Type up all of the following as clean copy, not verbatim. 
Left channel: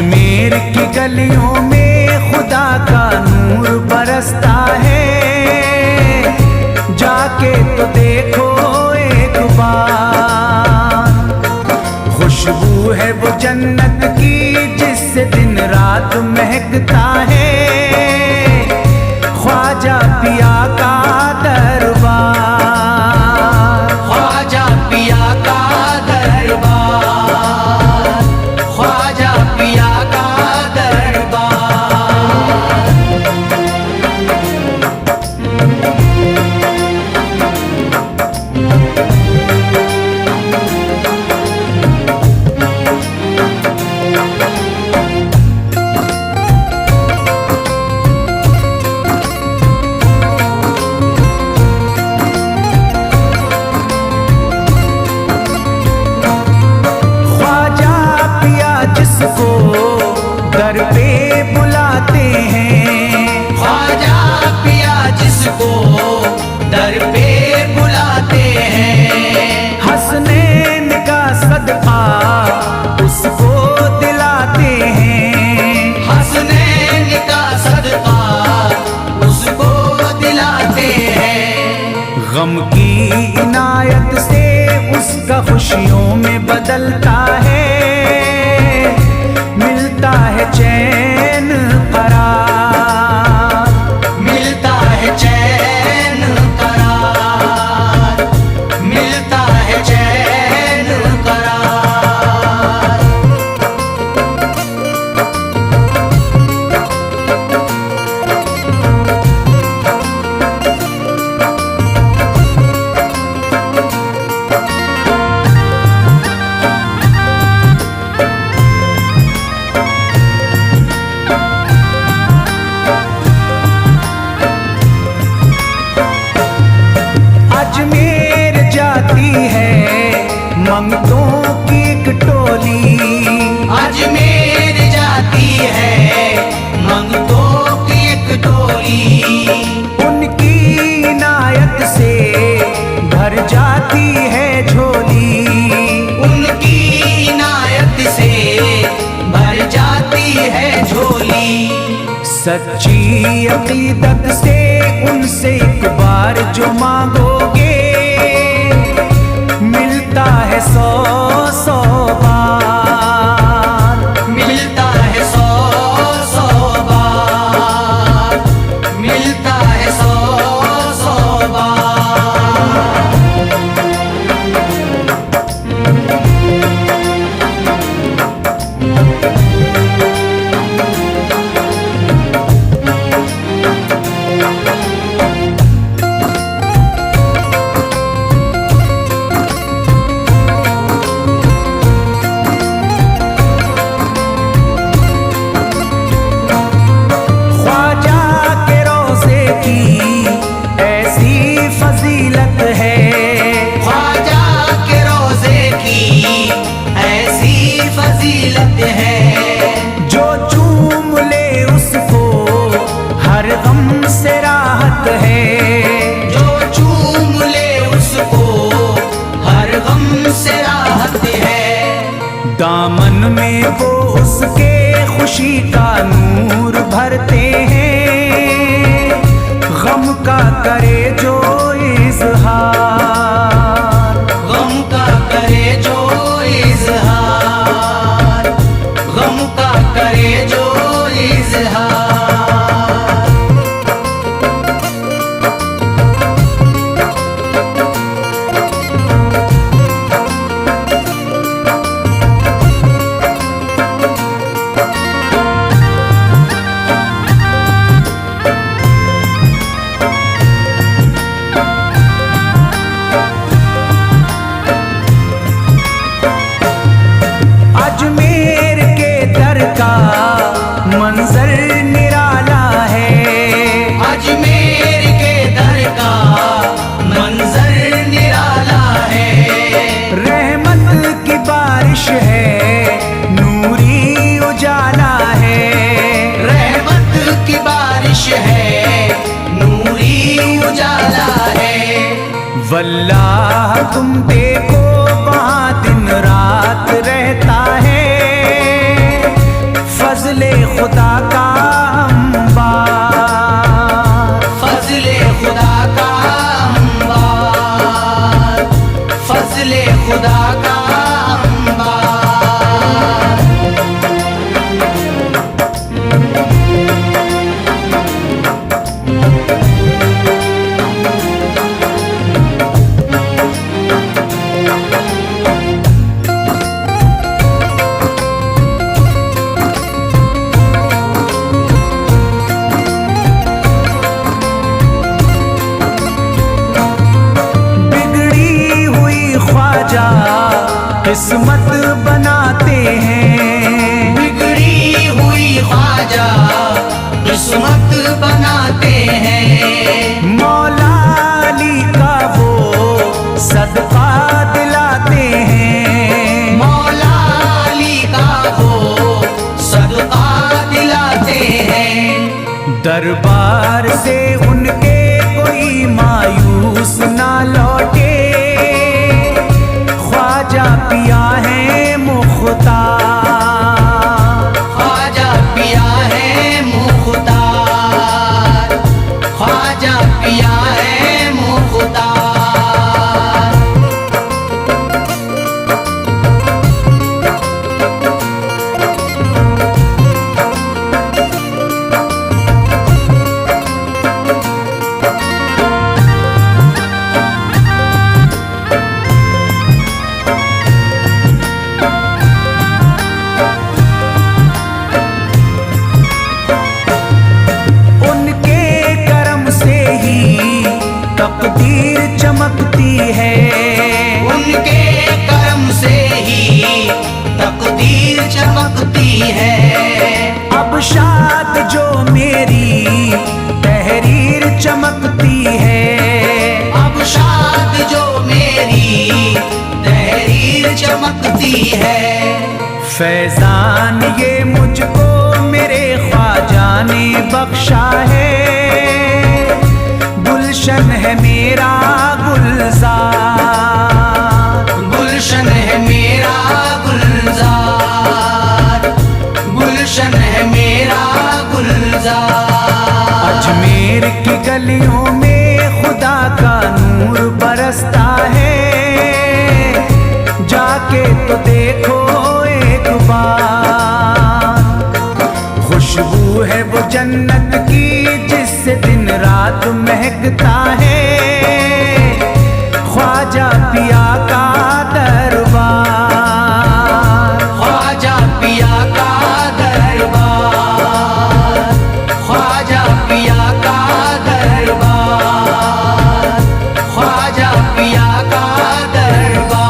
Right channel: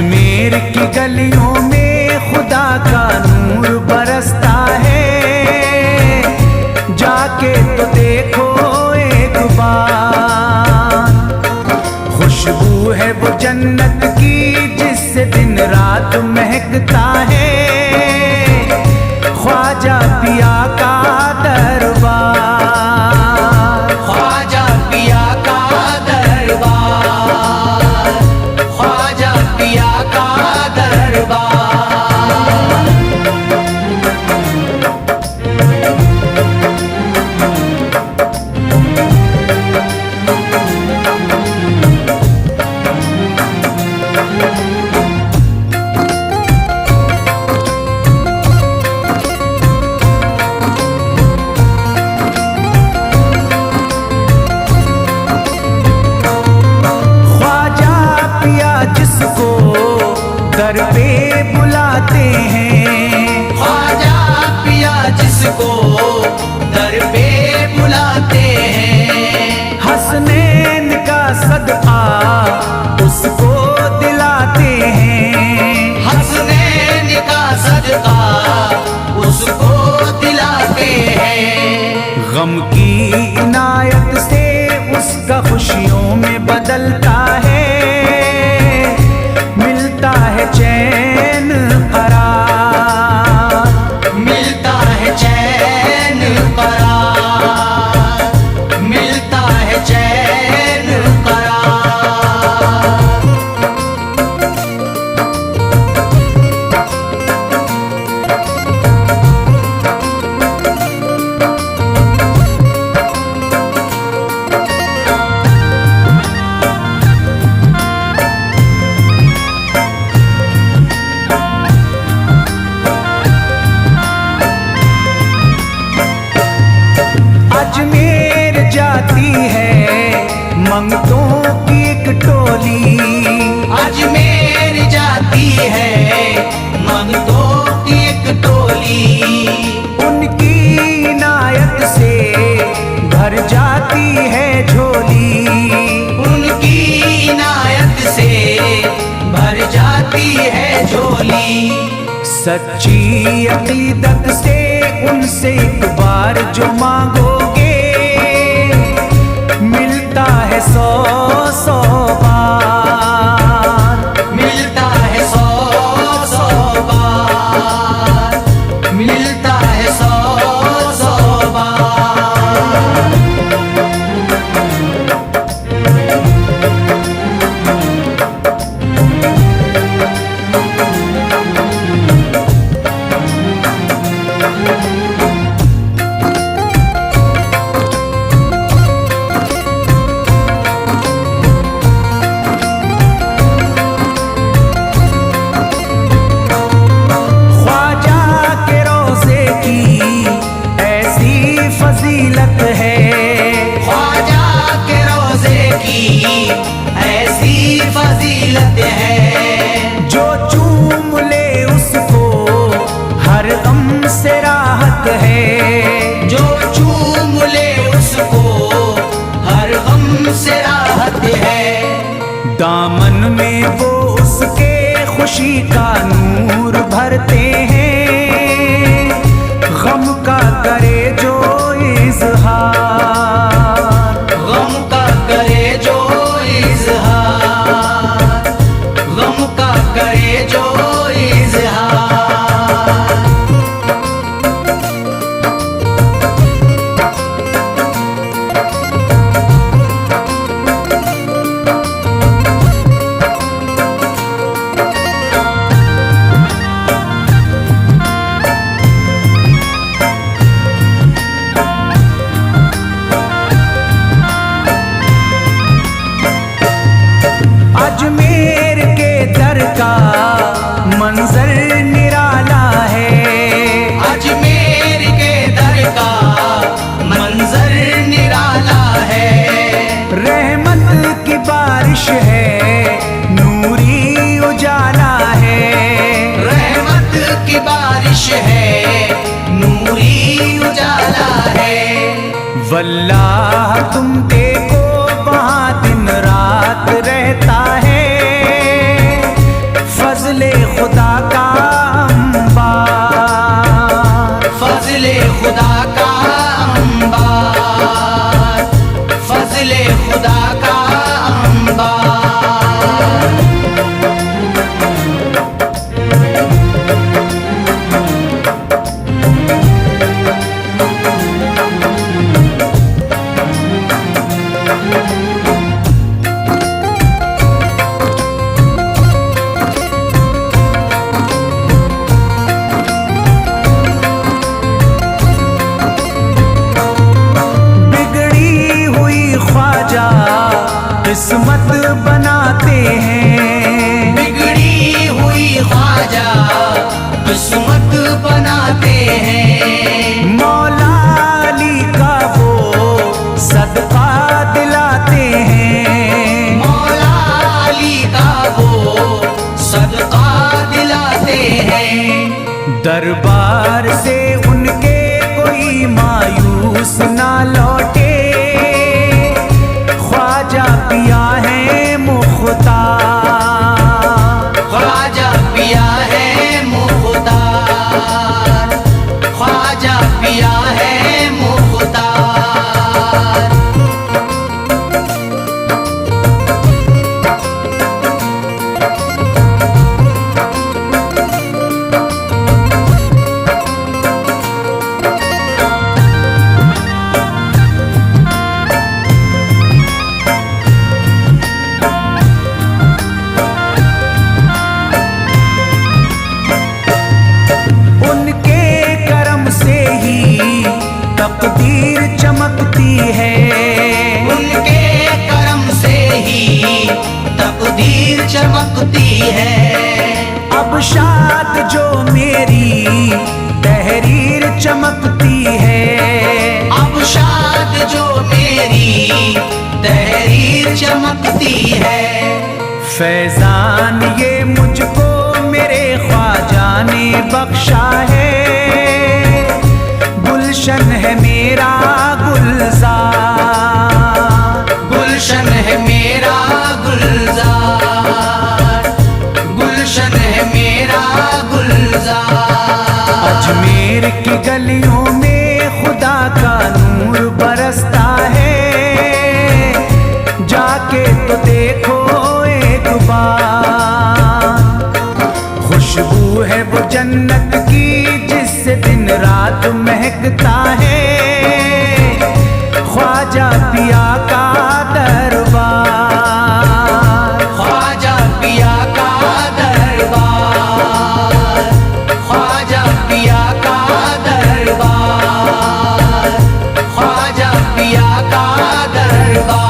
अजमेर की गलियों में खुदा का नूर बरसता है, जाके तो देखो एक बार। खुशबू है वो जन्नत की जिससे दिन रात महकता है, ख्वाजा पिया का दरबार, ख्वाजा पिया का दरबार, ख्वाजा पिया का दरबार। जिसको दर पे बुलाते हैं, ख्वाजा पिया जिसको दर पे बुलाते हैं, हसनैन का सदका उसको दिलाते हैं, हसनैन का सदका उसको दिलाते हैं। गम की इनायत से उसका खुशियों में बदलता है, मिलता है चैन करार, मिलता है चैन करार, मिलता है चैन करार। अजमेर जाती है मंगतों की एक टोली, अजमेर जाती है मंगतों की एक टोली, उनकी इनायत से भर जाती है झोली, उनकी इनायत से भर जाती है झोली। सच्ची अकीदत से उनसे एक बार जो मांगोगे, मिलता है 100 बार, मिलता है 100 बार, मिलता है 100 बार। फजीलत है ख्वाजा के रोज़े की ऐसी फजीलत है, जो चूम ले उसको हर गम से राहत है, जो चूम ले उसको हर गम से राहत है। दामन में वो उसके खुशी का नूर भरते हैं, गम का करे जो इज़हार, गम का करे जो इज़हार, गम का करे जो इज़हार। अजमेर के दर का मंजर निराला है, अजमेर के दर का मंजर निराला है। रहमत की बारिश है, नूरी उजाला है, रहमत की बारिश है, नूरी उजाला है। वल्लाह तुम देखो वहाँ दिन रात रहता है, फजले खुदा का अंबार, फजले खुदा का अंबार, फजले खुदा का अंबार। किस्मत बनाते हैं, बिगड़ी हुई ख्वाजा किस्मत बनाते हैं। मौला अली का वो सदका दिलाते हैं, मौला अली का वो सदका दिलाते हैं। दरबार से उनके कोई मायूस ना लौटे, ख्वाजा पिया है मुख्तार, ख्वाजा पिया है मुख्तार, ख्वाजा पिया है मुख्तार। तकदीर चमकती है, उनके करम से ही तकदीर चमकती है। अब शाद जो मेरी तहरीर चमकती है, अब शाद जो मेरी तहरीर चमकती है। फैजान ये मुझको मेरे ख्वाजा ने बख्शा है, गुलशन है मेरा गुलजार, गुलशन है मेरा गुलजार, गुलशन है मेरा गुलजार। अजमेर की गलियों में खुदा का नूर बरसता है, जाके तो देखो एक बार। खुशबू है वो जन्नत की जिससे दिन रात महकता है, ख्वाजा पिया का दरबार, ख्वाजा पिया का दरबार, ख्वाजा पिया का दरबार, ख्वाजा पिया का दरबार।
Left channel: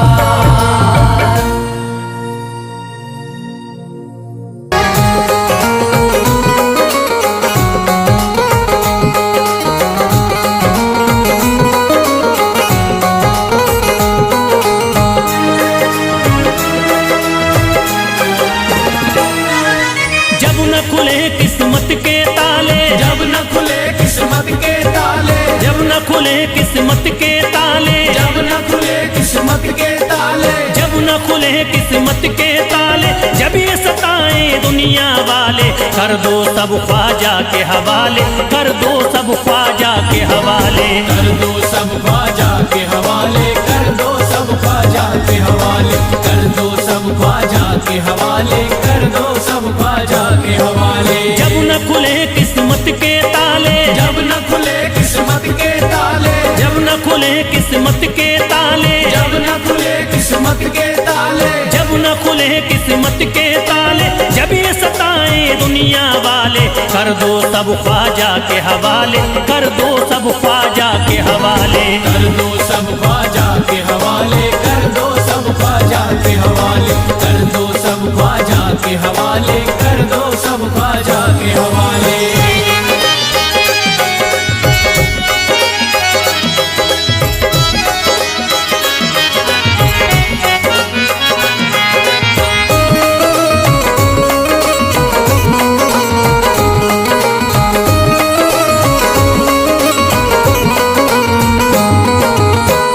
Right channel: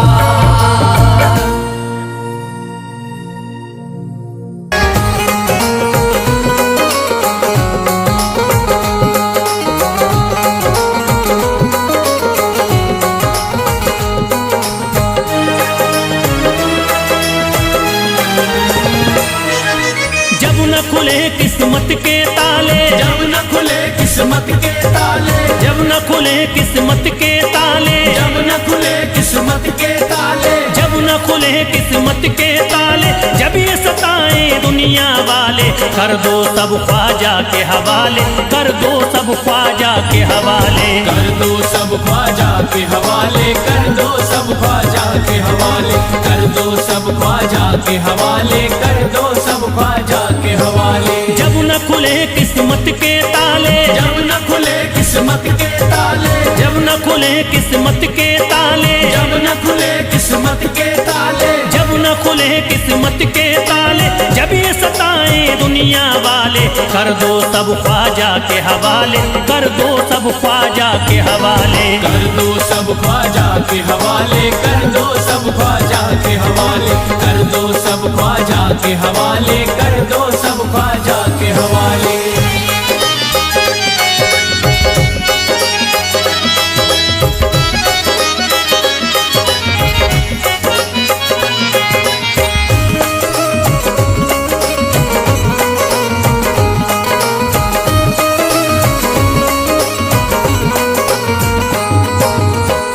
न खुले किस्मत के ताले, जब न खुले किस्मत के ताले, जब न खुले किस्मत के ताले, जब न खुले किस्मत के ताले, जब न खुले किस्मत के ताले, जब ये सताए दुनिया वाले, कर दो सब ख्वाजा के हवाले, कर दो सब ख्वाजा के हवाले, कर दो सब ख्वाजा के हवाले, कर दो सब ख्वाजा के हवाले, कर दो सब ख्वाजा के हवाले, कर दो सब ख्वाजा के हवाले। जब न खुले किस्मत के ताले, जब न खुले किस्मत के ताले, जब न खुले किस्मत के ताले, जब न खुले किस्मत के ताले, जब न खुले किस्मत के ताले, जब ये सताए दुनिया वाले, कर दो सब ख्वाजा के हवाले, कर दो सब ख्वाजा के हवाले, कर दो सब ख्वाजा के हवाले, कर दो सब ख्वाजा के हवाले, कर दो सब ख्वाजा के हवाले, कर दो सब ख्वाजा के हवाले।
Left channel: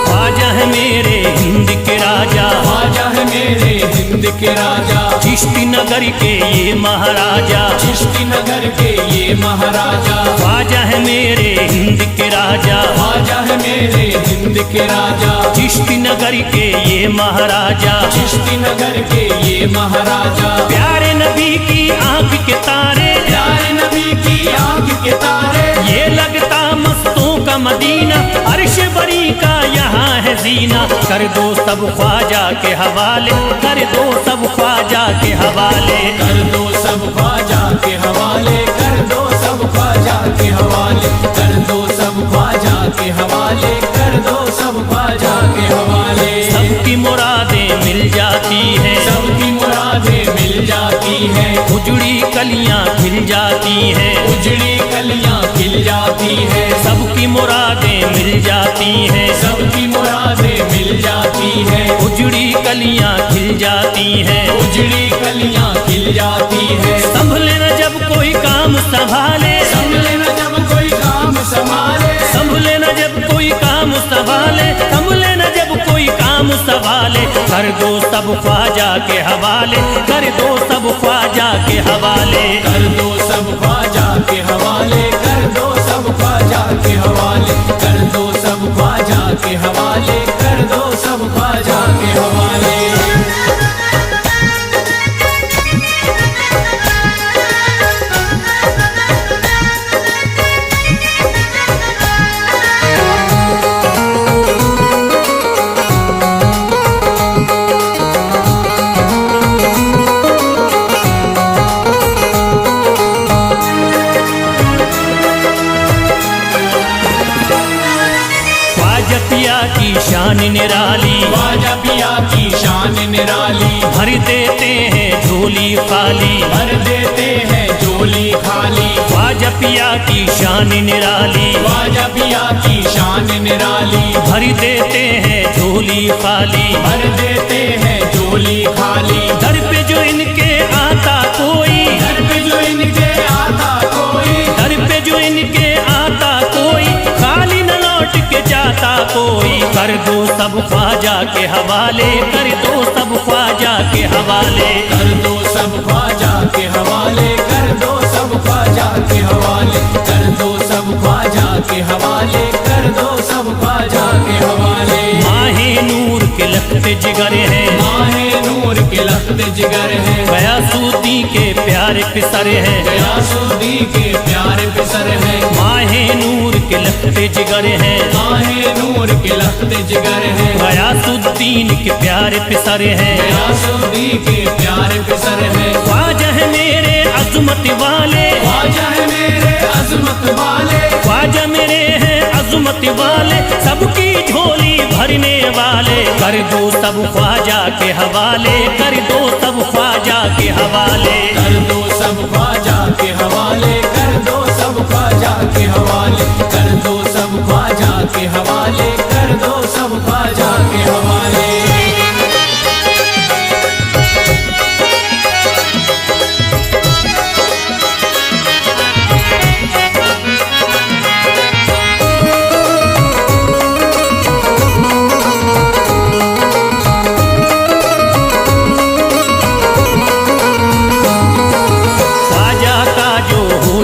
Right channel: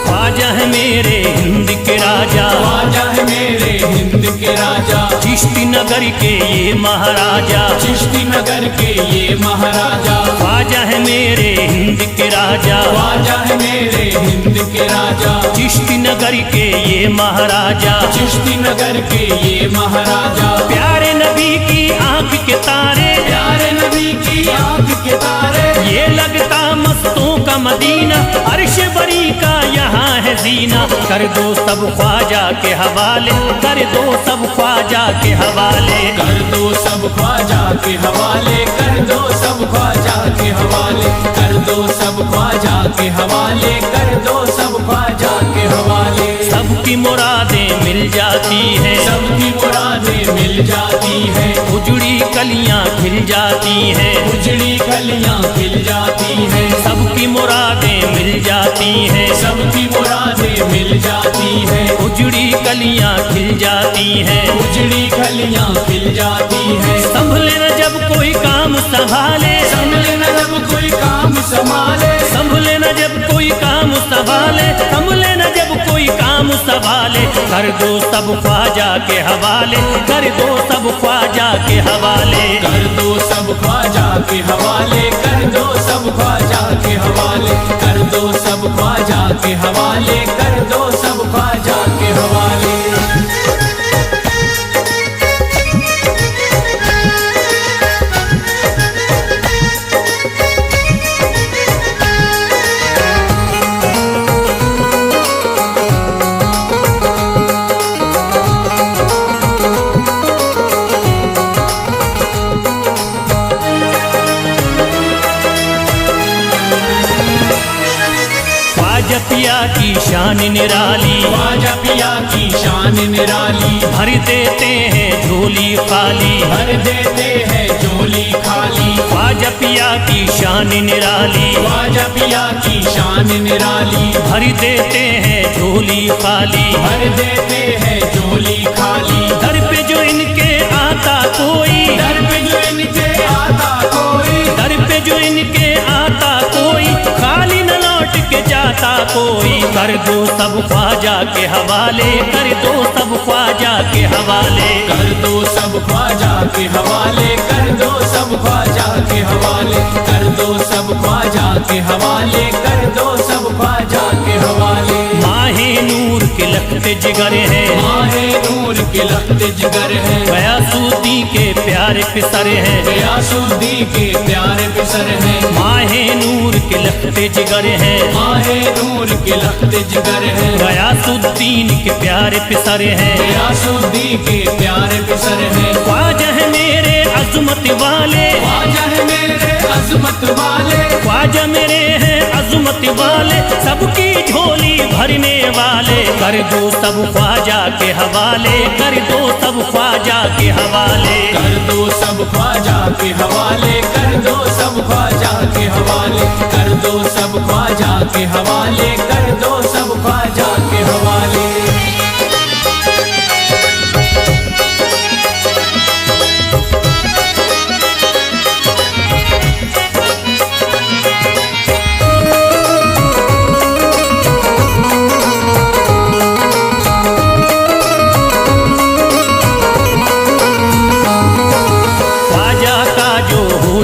ख्वाजा है मेरे हिंद के राजा, ख्वाजा है मेरे हिंद के राजा, चिश्ती नगर के ये महाराजा, चिश्ती नगर के ये महाराजा, ख्वाजा है मेरे हिंद के राजा, ख्वाजा है मेरे हिंद के राजा, चिश्ती नगर के ये महाराजा, चिश्ती नगर के ये महाराजा, प्यारे नबी की आंख के तारे, प्यारे नबी की आंख के तारे, ये लगता मस्तों का मदीना, अर्श बरी का यहाँ है जीना। कर दो सब ख्वाजा के हवाले, कर दो सब ख्वाजा के हवाले, कर दो सब ख्वाजा के हवाले, कर दो सब ख्वाजा के हवाले, कर दो सब ख्वाजा के हवाले, कर दो सब ख्वाजा के हवाले। सबकी मुरादें मिल जाती हैं, सबकी मुरादें मिल जाती हैं, उजड़ी कलियां खिल जाती हैं, उजड़ी कलियां खिल जाती हैं, सबकी मुरादें मिल जाती हैं, सबकी मुरादें मिल जाती हैं, उजड़ी कलियां खिल जाती हैं, उजड़ी कलियां खिल जाती हैं। संभले न जब कोई काम संभाले, संभले न जब कोई काम संभाले, संभले न जब कोई काम संभाले, संभले न जब कोई काम संभाले, कर दो सब ख्वाजा के हवाले, कर दो सब ख्वाजा के हवाले, कर दो सब ख्वाजा के हवाले, कर दो सब ख्वाजा के हवाले, कर दो सब ख्वाजा के हवाले, कर दो सब ख्वाजा के हवाले। ख्वाजा पिया की शान निराली, ख्वाजा पिया की शान निराली, भर देते हैं झोली खाली, भर देते हैं झोली खाली, ख्वाजा पिया की शान निराली, ख्वाजा पिया की शान निराली, भर देते हैं झोली खाली, भर देते हैं झोली खाली। दर पे जो इनके आता कोई, दर पे जो इनके आता कोई, दर पे जो इनके आता कोई, खाली न लौट के जाता कोई, कर दो सब ख्वाजा के हवाले, कर दो सब ख्वाजा के हवाले, कर दो सब ख्वाजा के हवाले, कर दो सब ख्वाजा के हवाले, कर दो सब ख्वाजा के हवाले, कर दो सब ख्वाजा के हवाले। माहे नूर के लखते जिगर हैं, माहे नूर के लखते जिगर हैं, गयासुद्दीन के प्यारे पिसर हैं, गयासुद्दीन के प्यारे पिसर हैं, माहे नूर के लखते जिगर हैं, माहे नूर के लखते जिगर हैं, गयासुद्दीन के प्यारे पिसर हैं, गयासुद्दीन के प्यारे पिसर हैं। ख्वाजा है मेरे अज़मत वाले, ख्वाजा है मेरे अज़मत वाले, ख्वाजा मेरे हैं अज़मत वाले, सबकी झोली भरने वाले, कर दो सब ख्वाजा के हवाले, कर दो सब ख्वाजा के हवाले, कर दो सब ख्वाजा के हवाले, कर दो सब ख्वाजा के हवाले, कर दो सब ख्वाजा के हवाले, कर दो सब ख्वाजा के हवाले।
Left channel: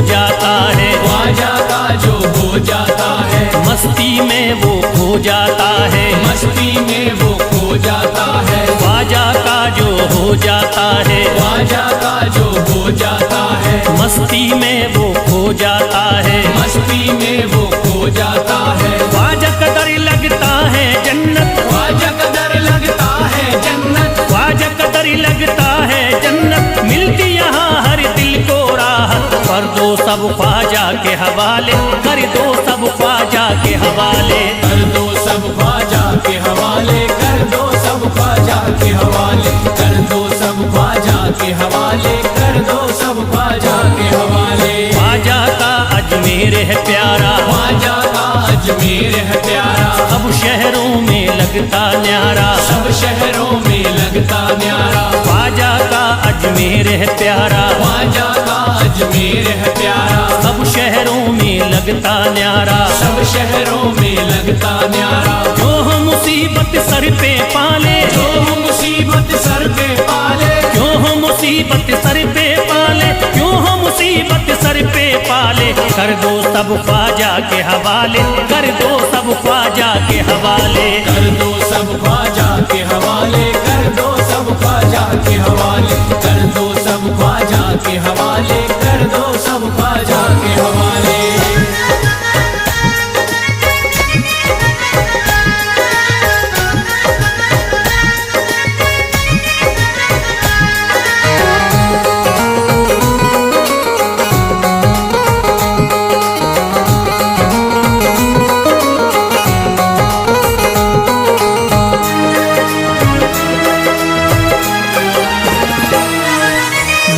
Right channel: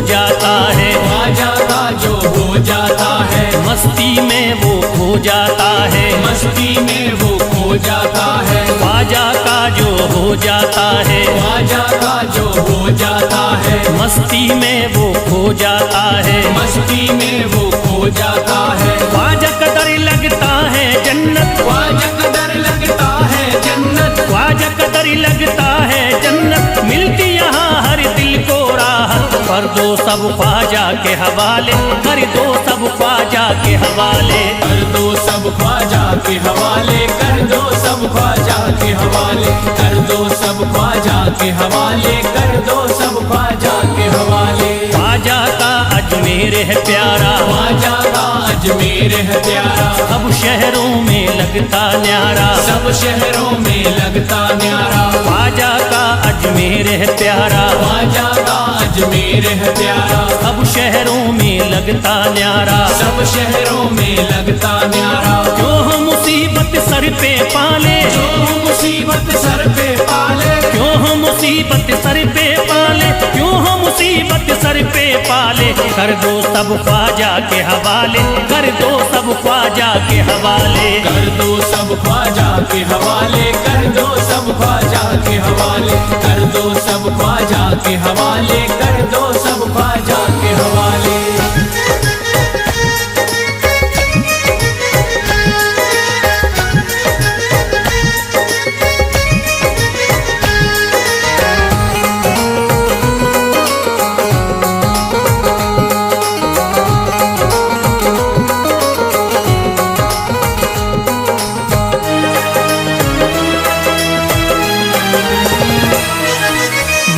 जाता है, ख्वाजा का जो हो जाता है, मस्ती में वो खो जाता है, मस्ती में वो खो जाता है, ख्वाजा का जो हो जाता है, ख्वाजा का जो हो जाता है, मस्ती में वो खो जाता है, मस्ती में वो खो जाता है। ख्वाजा कदर लगता है जन्नत, ख्वाजा कदर लगता है जन्नत, ख्वाजा कदर लगता है जन्नत, मिलती यहाँ हर दिल को राहत, कर दो सब ख्वाजा के हवाले, कर दो सब ख्वाजा के हवाले, कर दो सब ख्वाजा के हवाले, कर दो सब ख्वाजा के हवाले, कर दो सब ख्वाजा के हवाले, कर दो सब ख्वाजा के हवाले। ख्वाजा का अजमेर है प्यारा, ख्वाजा का अजमेर है प्यारा, सब शहरों में लगता न्यारा, सब शहरों में लगता न्यारा, ख्वाजा का अजमेर है प्यारा, ख्वाजा का अजमेर है प्यारा, सब शहरों में लगता न्यारा, सब शहरों में लगता न्यारा। जो हम मुसीबत सर पे पाले, जो मुसीबत सर पे पाले, क्यों हम मुसीबत मुसीबत सर पे पाले, क्यों हो मुसीबत सर पे पाले, कर दो सब ख्वाजा के हवाले, कर दो सब ख्वाजा के हवाले, कर दो सब ख्वाजा के हवाले, कर दो सब ख्वाजा के हवाले, कर दो सब ख्वाजा के हवाले, कर दो सब ख्वाजा के हवाले।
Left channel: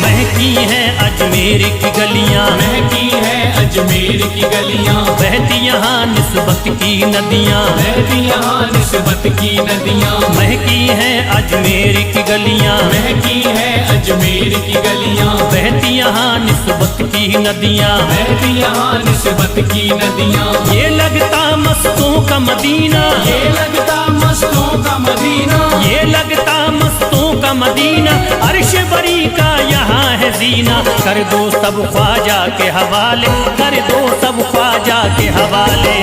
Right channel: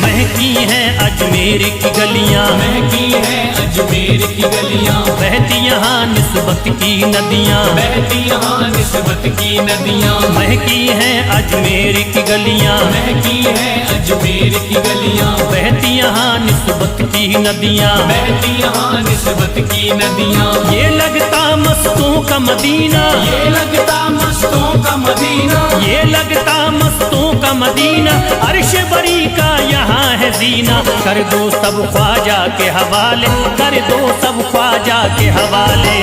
महकी हैं अजमेर की गलियां, महकी है अजमेर की गलियां, बहती यहाँ निस्बत की नदियां, बहती यहाँ निस्बत की नदियां, महकी हैं अजमेर की गलियां, महकी है अजमेर की गलियां, बहती यहाँ निस्बत की नदियां, बहती यहाँ निस्बत की नदियां। ये लगता मस्तों का मदीना, ये लगता मस्तों का मदीना, ये लगता मस्तों का मदीना, अर्श बरी का यहाँ है जीना, कर दो सब ख्वाजा के हवाले, कर दो सब ख्वाजा के हवाले।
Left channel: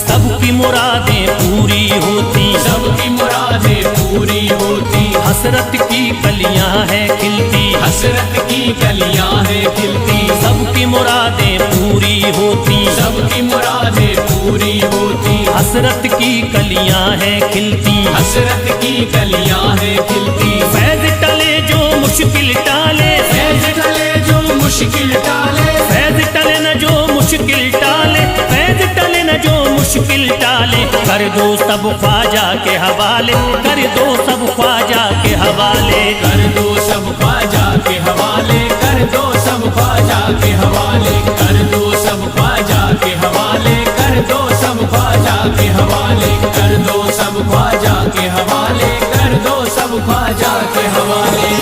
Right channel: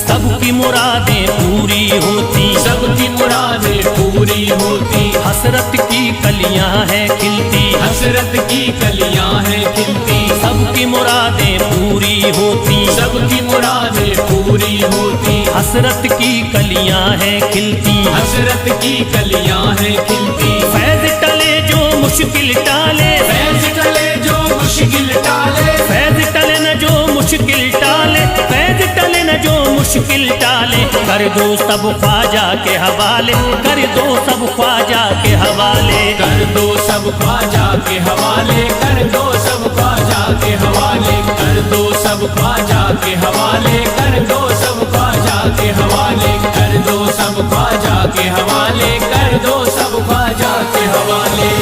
सबकी मुरादें पूरी होती, सबकी मुरादें पूरी होती, हसरत की कलियां हैं खिलती, हसरत की कलियां हैं खिलती, सबकी मुरादें पूरी होती, सबकी मुरादें पूरी होती, हसरत की कलियां हैं खिलती, हसरत की कलियां हैं खिलती। फैज टले जो मुश्किल टाले, फैज टले जो मुश्किल टाले, फैज टले न जो मुश्किल टाले, फैज टले न जो मुश्किल टाले, कर दो सब ख्वाजा के हवाले, कर दो सब ख्वाजा के हवाले, कर दो सब ख्वाजा के हवाले, कर दो सब ख्वाजा के हवाले, कर दो सब ख्वाजा के हवाले, कर दो सब ख्वाजा के हवाले, कर दो सब ख्वाजा के हवाले, कर दो सब ख्वाजा के हवाले।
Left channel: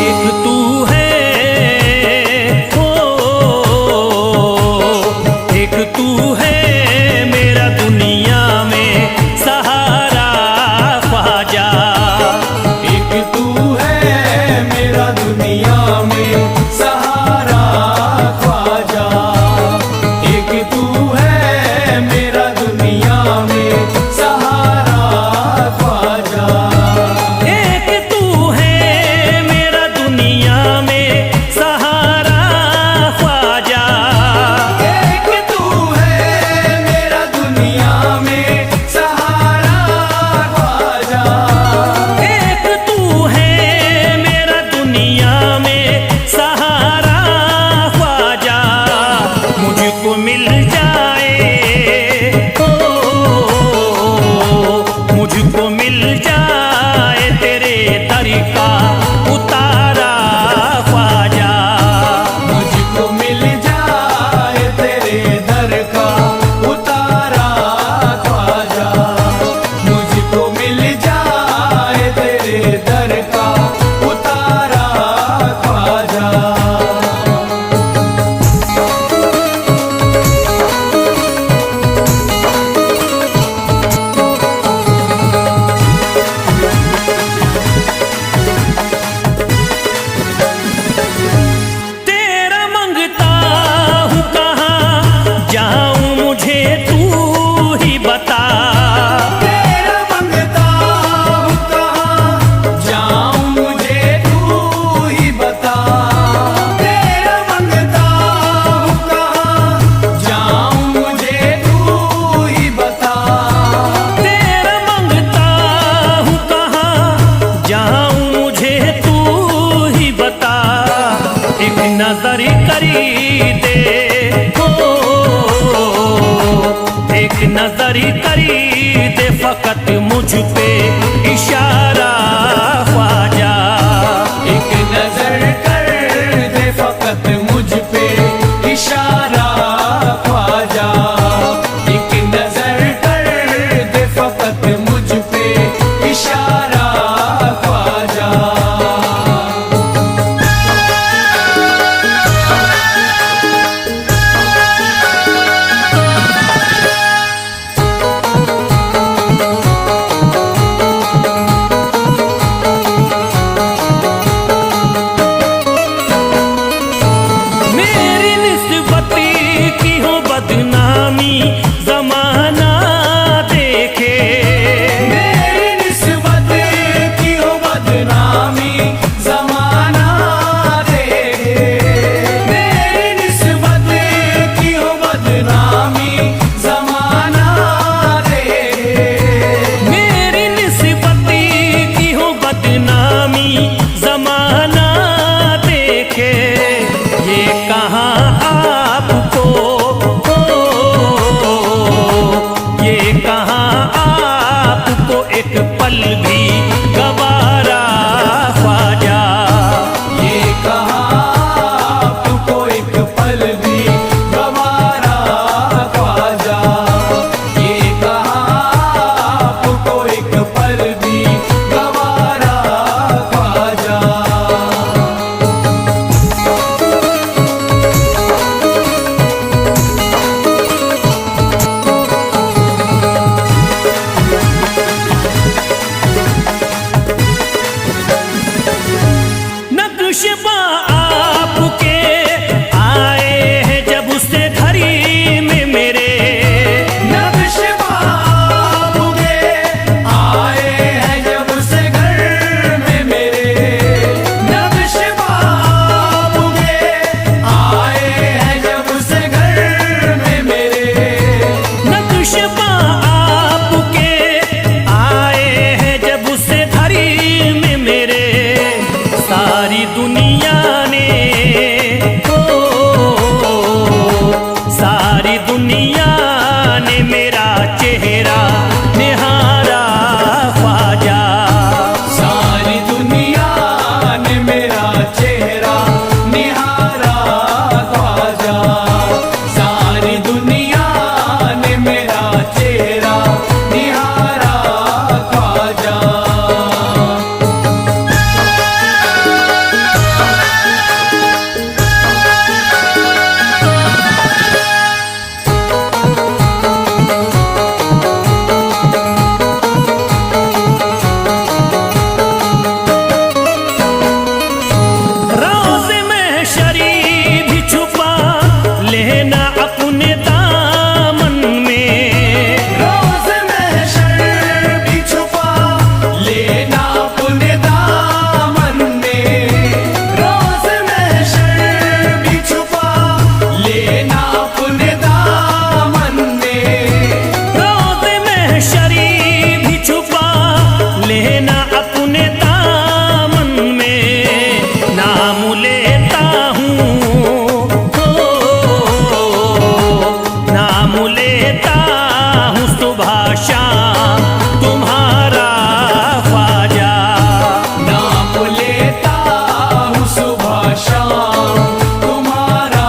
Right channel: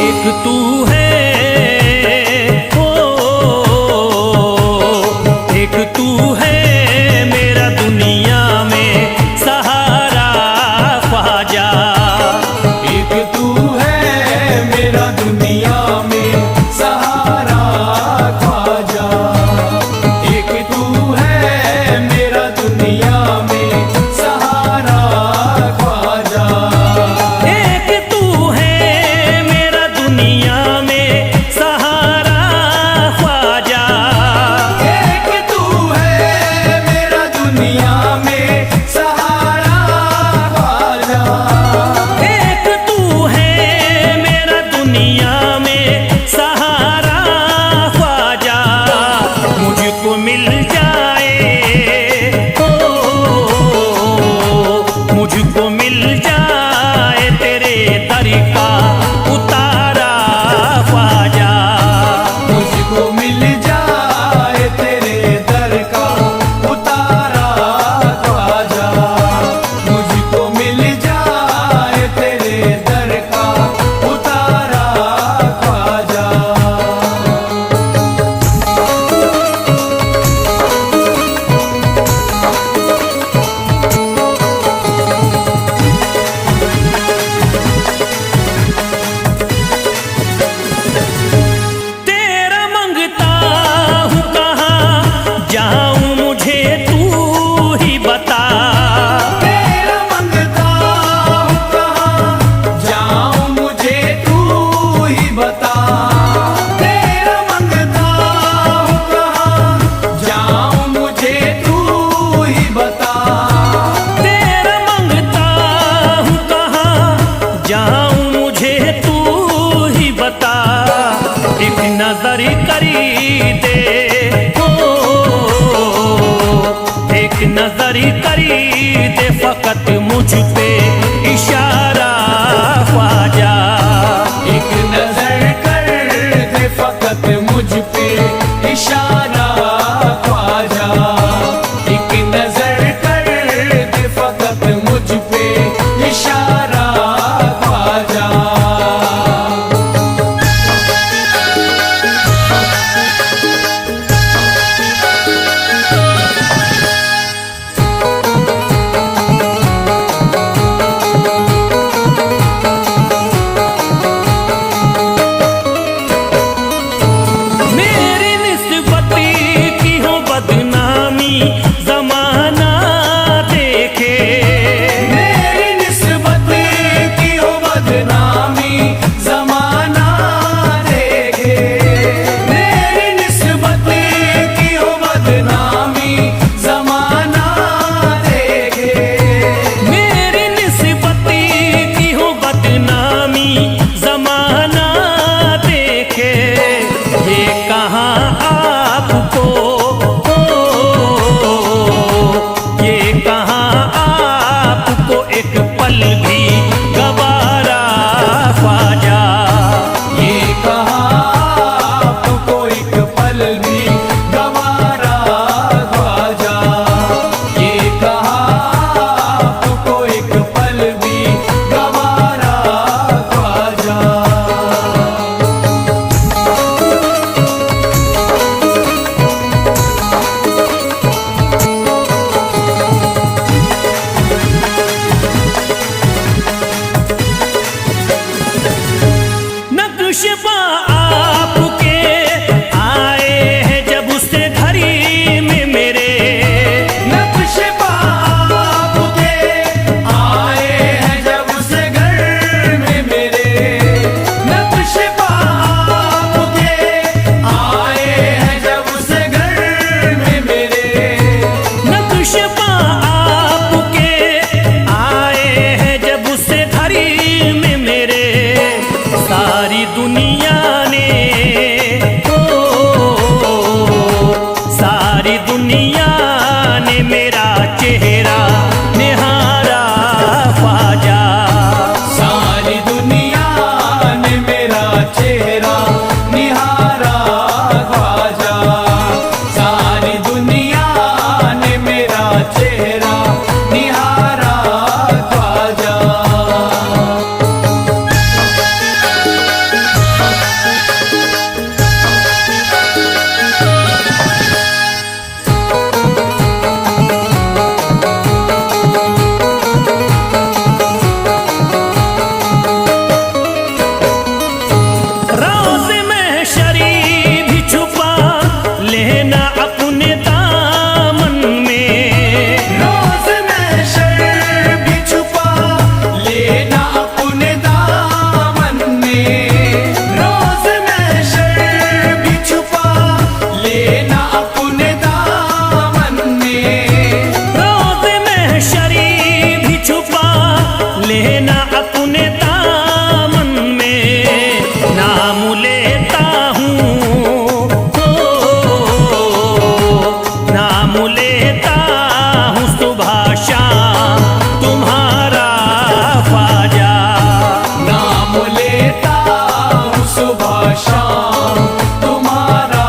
एक तू है ओ, एक तू है मेरा दुनिया में सहारा ख्वाजा, एक तू है मेरा दुनिया में सहारा ख्वाजा, एक तू है मेरा दुनिया में सहारा ख्वाजा, एक तू है मेरा दुनिया में सहारा ख्वाजा, एक तू है मेरा दुनिया में सहारा ख्वाजा, एक तू है मेरा दुनिया में सहारा ख्वाजा, मुझको मिल जाए ओ, मुझको मिल जाए तेरे दर का उतारा ख्वाजा, मुझको मिल जाए तेरे दर का उतारा ख्वाजा, मुझको मिल जाए तेरे दर का उतारा ख्वाजा। तेरा मंगता हूँ कहाँ जाऊँ मुझे तू ही बता, तेरा मंगता हूँ कहाँ जाऊँ मुझे तू ही बता, तेरा मंगता हूँ कहाँ जाऊँ मुझे तू ही बता, तेरा मंगता हूँ कहाँ जाऊँ मुझे तू ही बता, एक नजर करी दे हो, एक नजर करी दे फकत मुझ पे इशारा ख्वाजा, एक नजर कर पल भी गवारा ख्वाजा। ये कहा आपको एक पल भी गवारा ख्वाजा। ये कहा आपको एक पल भी गवारा ख्वाजा। नक्शबा आपके आए हैं जब से घड़ी में मेरे, नक्शबा आपके आए हैं जब से घर में मेरे। नक्शबा आपके आए हैं जब से घर में मेरे। नक्शबा आपके आए हैं जब से घड़ी में मेरे। सारी दुनिया ने सारी दुनिया ने मेरा चेहरा निहारा ख्वाजा। सारी दुनिया ने मेरा चेहरा निहारा ख्वाजा। सारी दुनिया ने मेरा चेहरा निहारा ख्वाजा। रोज़ में शरीफ भी छुपा लेना अपने दामन में। रोज़ में शर्म भी छुपा लेना अपने दामन में। रोज़ में शर्म भी छुपा लेना अपने दामन में। रोज़ में शरीफ भी छुपा लेना अपने दामन में। नाम लेता हूँ नाम लेता हूँ सुबह शाम तुम्हारा ख्वाजा। नाम लेता हूँ सुबह शाम तुम्हारा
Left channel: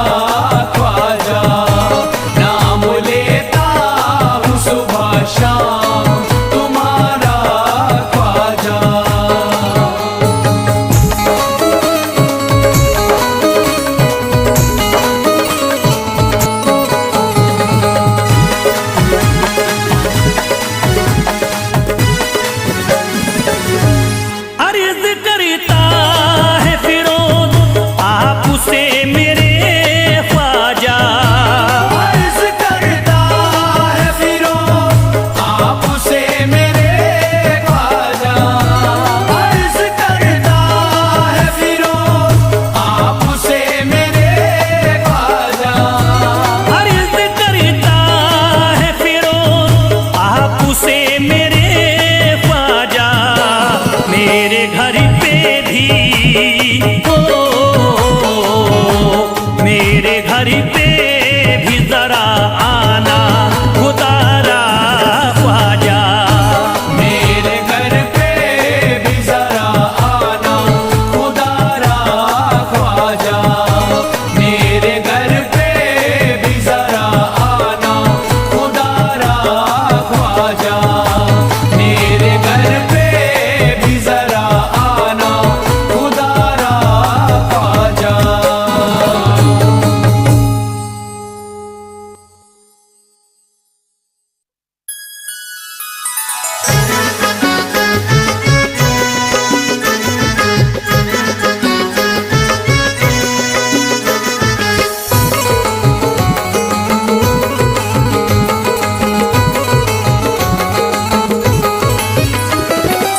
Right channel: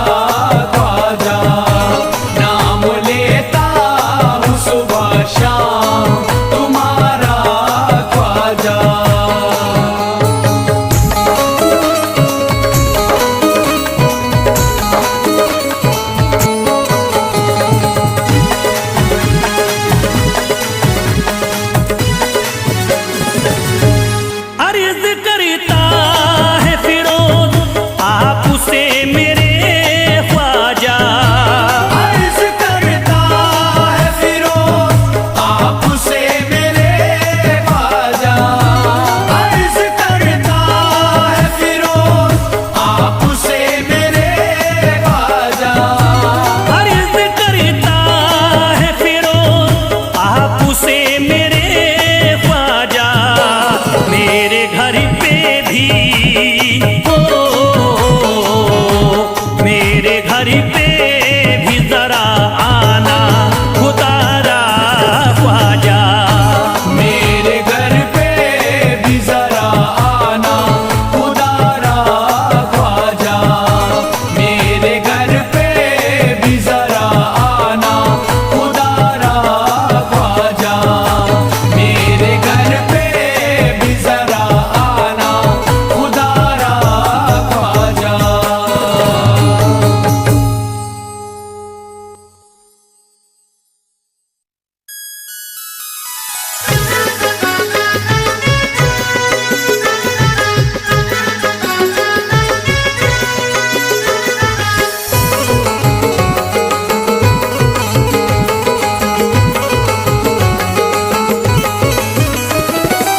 ख्वाजा। नाम लेता हूँ सुबह शाम तुम्हारा ख्वाजा। अर्ज करता है फिरोज आपसे मेरे ख्वाजा। अर्ज करता है फिरोज आपसे मेरे ख्वाजा। अर्ज करता है फिरोज आपसे मेरे ख्वाजा। अर्ज करता है फिरोज आपसे मेरे ख्वाजा। मेरे घर पे भी मेरे घर पे भी जरा आना खुदारा ख्वाजा। मेरे घर पे भी जरा आना खुदारा ख्वाजा। मेरे घर पे भी जरा आना खुदारा ख्वाजा। मेरे घर पे भी जरा आना खुदारा ख्वाजा।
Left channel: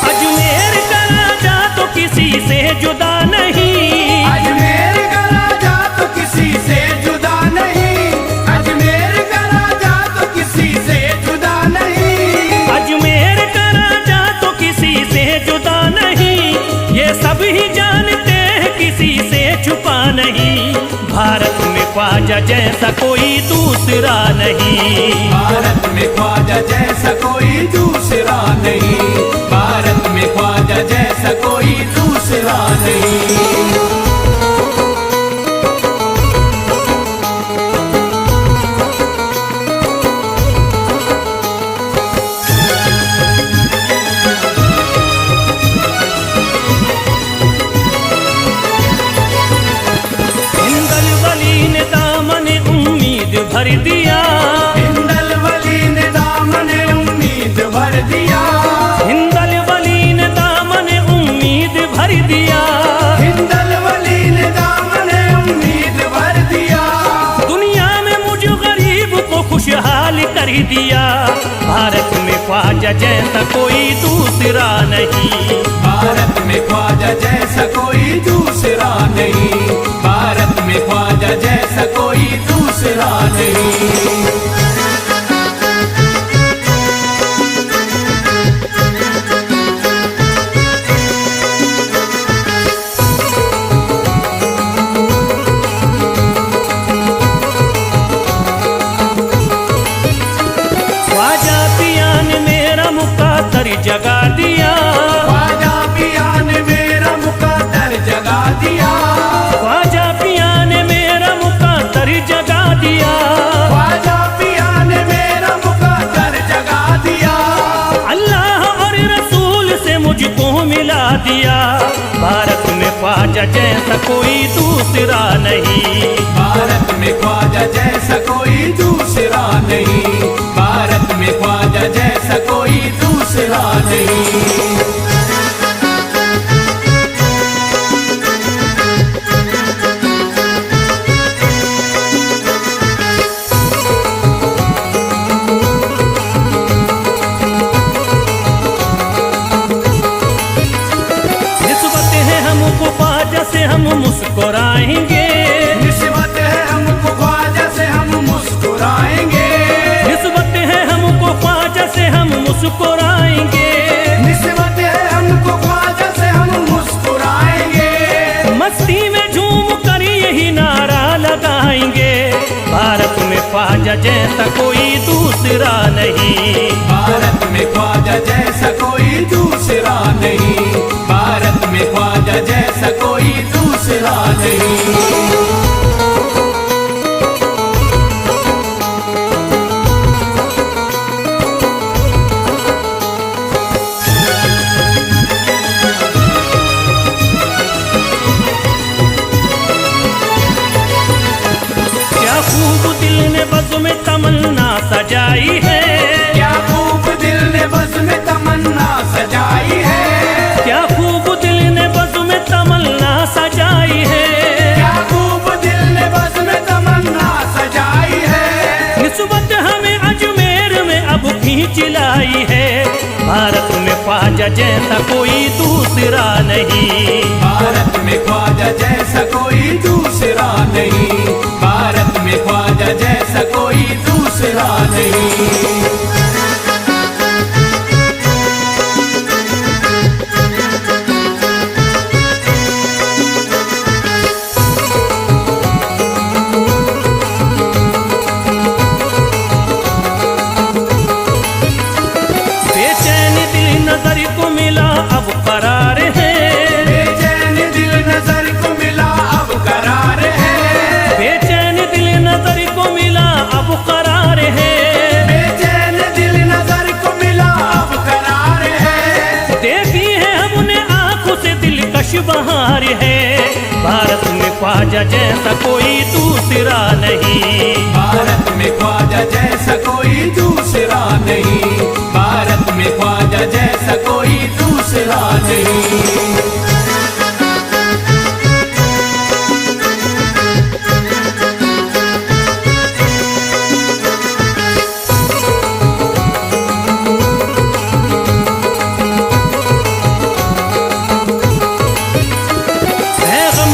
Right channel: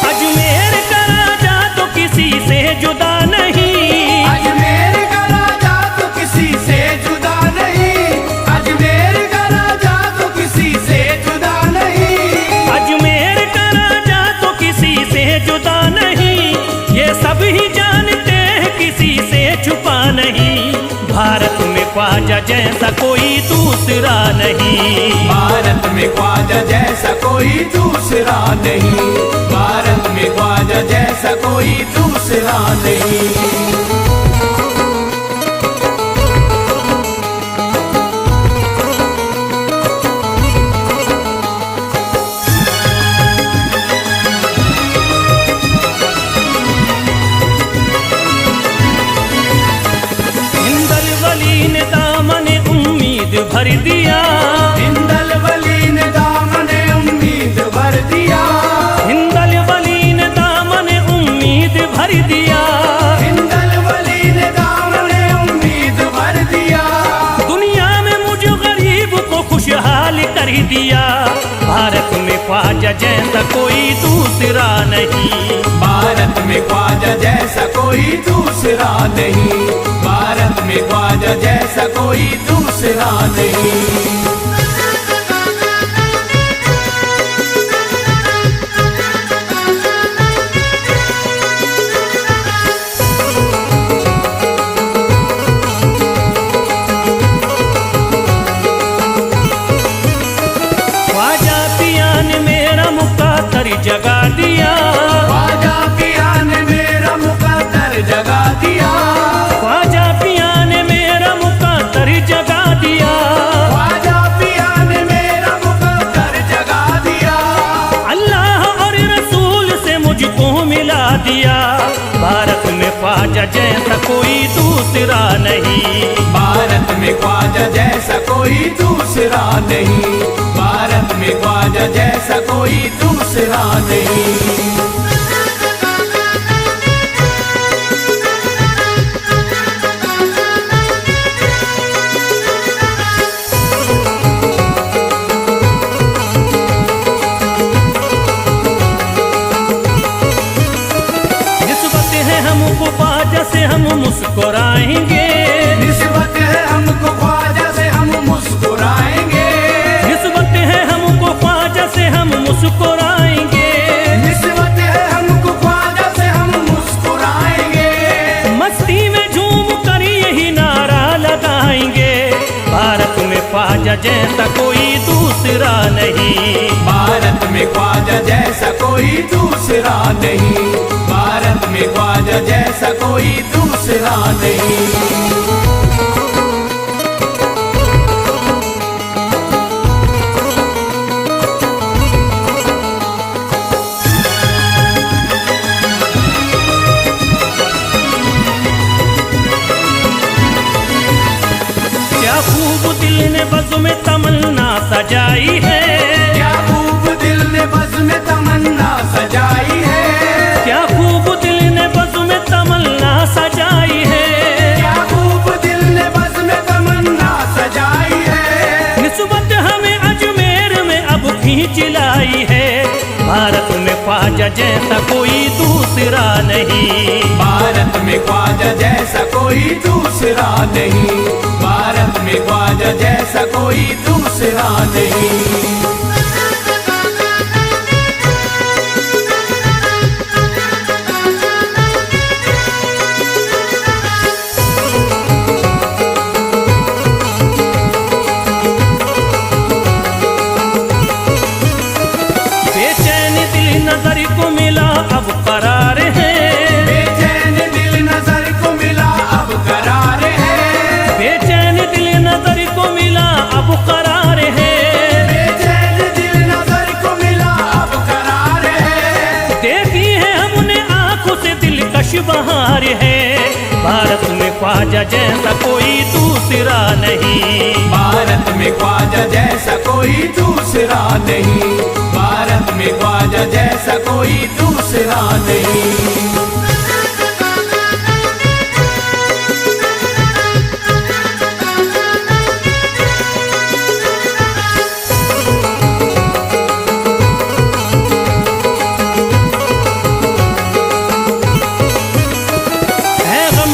अजमेर का राजा तो किसी से जुदा नहीं। अजमेर का राजा तो किसी से जुदा नहीं। अजमेर का राजा तो किसी से जुदा नहीं। अजमेर का राजा तो किसी से जुदा नहीं। ये सब ही जानते हैं किसी से छुपा नहीं। भारत में ख्वाजा जैसा कोई दूसरा नहीं। भारत में ख्वाजा जैसा कोई दूसरा नहीं। भारत उम्मीद भर दिया। हिंदल वली ने दामन उम्मीद भर दिया। हिंदल वली ने दामन उम्मीद भर दिया। हिंदल वली ने दामन उम्मीद भर दिया। दुनिया में मुझ गरीब को खुशहाल कर दिया। भारत में ख्वाजा जैसा कोई दूसरा नहीं। भारत में ख्वाजा जैसा कोई दूसरा नहीं। भारत में ख्वाजा जैसा कोई दूसरा नहीं। ख्वाजा पिया ने मेरा मुकद्दर जगा दिया। ख्वाजा पिया ने मेरा मुकद्दर जगा दिया। ख्वाजा पिया ने मेरा मुकद्दर जगा दिया। ख्वाजा पिया ने मेरा मुकद्दर जगा दिया। अल्लाह और रसूल से मुझको मिला दिया। भारत में ख्वाजा जैसा कोई दूसरा नहीं। भारत में ख्वाजा जैसा कोई दूसरा नहीं। भारत में ख्वाजा जैसा कोई दूसरा नहीं। निस्बत है हमको ख्वाजा से हम मुस्कुराएंगे। निस्बत है हमको ख्वाजा से हम मुस्कुराएंगे। निस्बत है हमको ख्वाजा से हम मुस्कुराएंगे। निस्बत है हमको ख्वाजा से हम मुस्कुराएंगे। मस्ती में झूम कर यही नारा लगाएंगे। भारत में ख्वाजा जैसा कोई दूसरा नहीं। भारत में ख्वाजा जैसा कोई दूसरा नहीं। भारत में ख्वाजा जैसा कोई दूसरा नहीं। क्या खूब दिल ने बज़्म में तमन्ना सजाई है। क्या खूब दिल ने बज़्म में तमन्ना सजाई है। क्या खूब दिल ने बज़्म में तमन्ना सजाई है। क्या खूब दिल ने बज़्म में तमन्ना सजाई है। निस्बत हमें अजमेर में अब खींच लाई है। भारत में ख्वाजा जैसा कोई दूसरा नहीं। भारत में ख्वाजा जैसा कोई दूसरा नहीं। भारत में ख्वाजा जैसा कोई दूसरा नहीं। बेचैन दिल नजर को मिला अब करार है। बेचैन दिल नजर को मिला अब करार है। बेचैन दिल नजर को मिला अब करार है। बेचैन दिल नजर को मिला अब करार है। देखी है हमने आंखों से दिलकश बहार है। भारत में ख्वाजा जैसा कोई दूसरा नहीं। भारत में ख्वाजा जैसा कोई दूसरा